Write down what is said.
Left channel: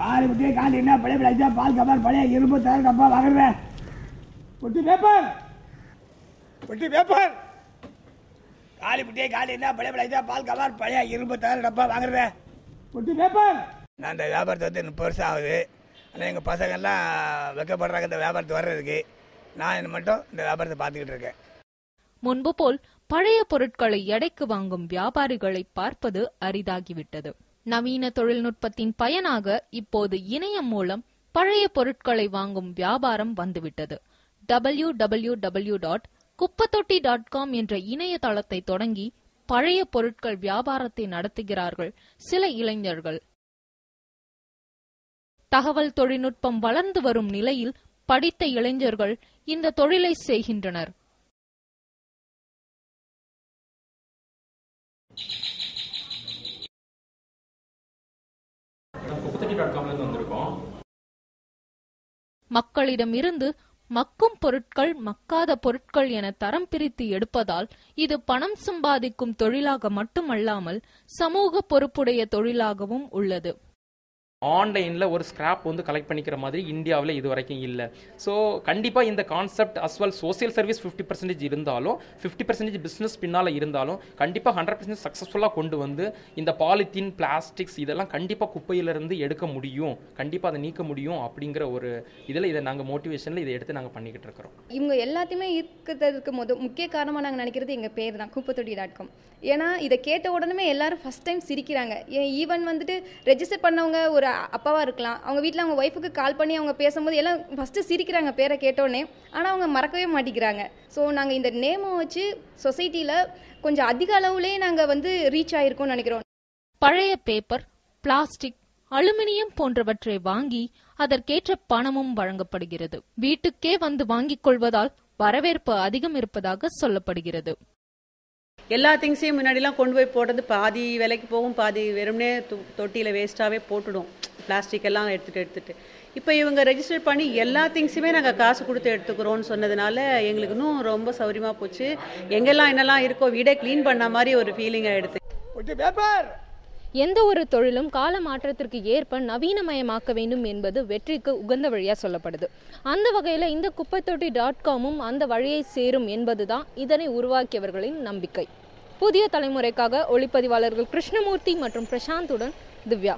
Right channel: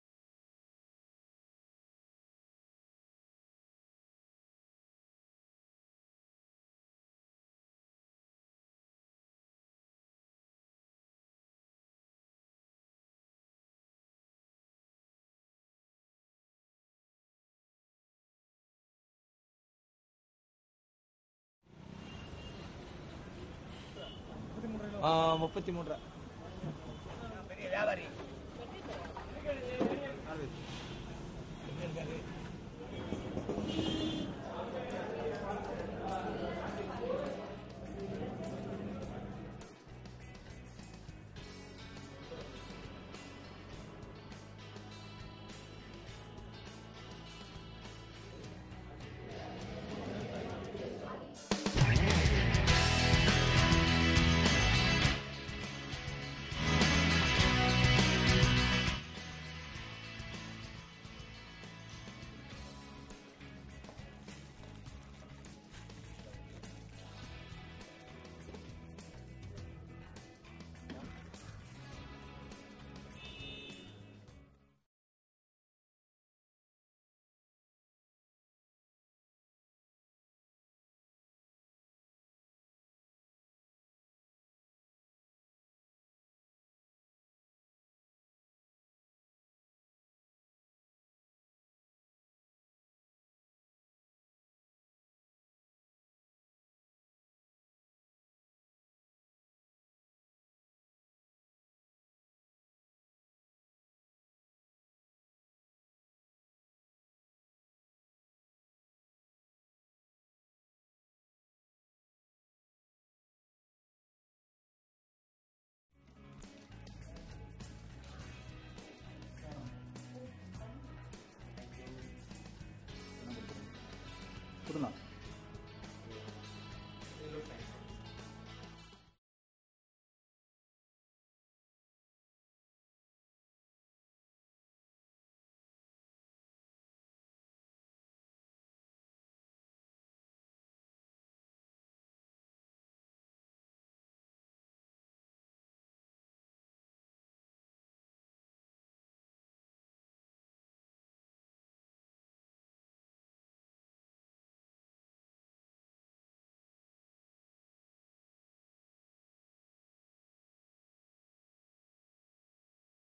காலி முட்டையை காலி என்ன பழைய பிளாஜா பால் கவர் பழைய இரும்பு தர டப்பா வாங்குறேன். பொட்டி பேப்பர் காலி முட்டையை காலி என்ன பழைய பிளாஜா பால் கவர் பழைய இரும்பு தர டப்பா வாங்குறேன். பொட்டி பேப்பர். நான் இந்த வியாபாரத்தை வந்து 30 வருஷம் ஆகுது. ஆனால் எங்கள் பசங்கள்லாம் வெக்கப்படுறாங்க இந்த வியாபாரத்தை வர்றதுக்கு. நான் மட்டும் இந்த வியாபாரத்தை பார்த்துக்கிட்டு இருக்கேன். முன்பு போல் பழைய பொருட்களை எடைக்கு வாங்கும் வியாபாரிகளை பார்ப்பது அரிதாகிவிட்டது. நவீன தொழில்நுட்பத்தின் பயனாக இப்போது இணையம் மூலம் பழைய பொருட்களை வாங்கும் வியாபாரம் வந்துவிட்டது. www.kuppattotti.com என்ற இணையதளத்தை தொடங்கி பழைய பொருட்கள் வியாபாரத்தை நடத்துகிறார்கள் சில இளைஞர்கள். தகவல் தொழில்நுட்பம் வளர்ந்து வரும் நிலையில் படித்த இளைஞர்கள் இந்த தொழிலை செய்கின்றனர். மக்களிடமிருந்து மக்கும் பொருட்கள் மக்காத பொருட்கள் என தரம் பிரித்து எடுப்பதால் இது பணம் சம்பாதிக்கும் தொழிலாக மட்டுமல்லாமல் சமூக பொறுப்புடைய தொழிலாகவும் உள்ளது. ஆன்லைனில் ஒரு ஸ்கிராப் வந்து கலெக்ட் பண்ணிக்கிற மாதிரி இந்தியாவில் இது வரைக்கும் இல்லை. ஸோ கண்டிப்பாக இந்த கான்செப்ட் அஸ்வெல் சோசியல் சர்வீஸ் 50% இருந்தாலும் 50% பிஸ்னஸ் பின்னால் இருந்தாலும் கண்டிப்பாக 100% சக்ஸஸ்ஃபுல்லாக கொண்டு வந்து இந்த பாலித்தீன் பிளாஸ்டிக்ஸ் இதெல்லாம் கண்டிப்பாக குப்பையிலிருந்து எடுக்க முடியும், கண்டிப்பாக அதை நீக்க முடியும் அப்படிங்கிற ஒரு இதில் இதை நாங்கள் மோட்டிவேஷனில் இதை எடுத்து நாங்கள் பண்ணிக்கிட்டு இருக்கிறோம். இவங்க எல்லாத்தையுமே இருக்கிறதுக்கு முக்கிய காரணமாக நாங்கள் நினைக்கிறது எங்கள் பேர் தான் kuppattotti.com. ஏன்னா இதை கேட்ட உடனே எல்லாரும் ஃபஸ்ட் டைம் சிரிக்கிறாங்க. ஈவன் வந்துட்டு ரெஜிஸ்டர் பண்ணவங்க ஒரு அப்பாவாக இருக்கலாம், அவங்க வீட்டில் அவங்க ஒய்ஃபுக்கு கால் பண்ணி அவங்க பேசும்போது எல்லாம் ஃபஸ்ட்டு சிரிக்கிறாங்க பேரை கேட்டோடனே. ஆனால் அவங்க மறக்கவே மாட்டேங்கிறாங்க. ஸோ நாங்கள் இந்த நேமை வச்சு சொசைட்டியில் கொஞ்சம் அதிக அளவுலேயே நாங்கள் வந்து ரீச் ஆகிருக்கோம்னு நினைக்கிறோம். பழைய பேப்பர், பிளாஸ்டிக், அலுமினியம் போன்றவற்றை வாங்கி அதற்கேற்ற பணமும் வழங்கப்படுகிறது. வீட்டுக்கே வந்து வாங்கிக் கொள்வதால் வரவேற்பு அதிகம் இருப்பதாக சொல்லப்படுகிறது. எல்லா திங்ஸையும் முன்னாடிலாம் கொண்டு போய் போடுறது பாதி விலைக்கு போகும், பாதி வெறுமனே தொட்டியில் வேஸ்ட்டாகவே போட்டுடும், பிளாஸ்டிக் எல்லாம் எடுத்துகிட்டு. இப்போ இவங்க ரெஜிஸ்டர் பண்ணி எல்லா திங்ஸுமே நாங்கள் காசு கொடுத்து எடுத்துக்கிறோன்னு சொன்னதுனால எங்களுக்கு இன்னும் ரொம்ப சௌரியமாக போச்சு. எங்கெல்லாம் என்னெல்லாம் இருக்கோ வீடே க்ளீன் பண்ண மாதிரி ஒரு ஃபீலிங் ஆகிடுது. எந்த ஒரு தொழிலும் கால மாற்றத்திற்கு ஏற்ப நவீனமயமாக்க வேண்டும் என்பது வெற்றிக்கு உகந்த வழியா சொல்லப்படுது. அந்த வகையில இந்த kuppattotti.comமும் அந்த வழியை சேரும் என்பதுதான் இதனை உருவாக்கியவர்களின் நம்பிக்கை. புதிய தலைமுறைக்காக ஒளிப்பதிவாளர்கள் கிருஷ்ணமூர்த்தி மற்றும் பிரசாந்துடன் திவ்யா.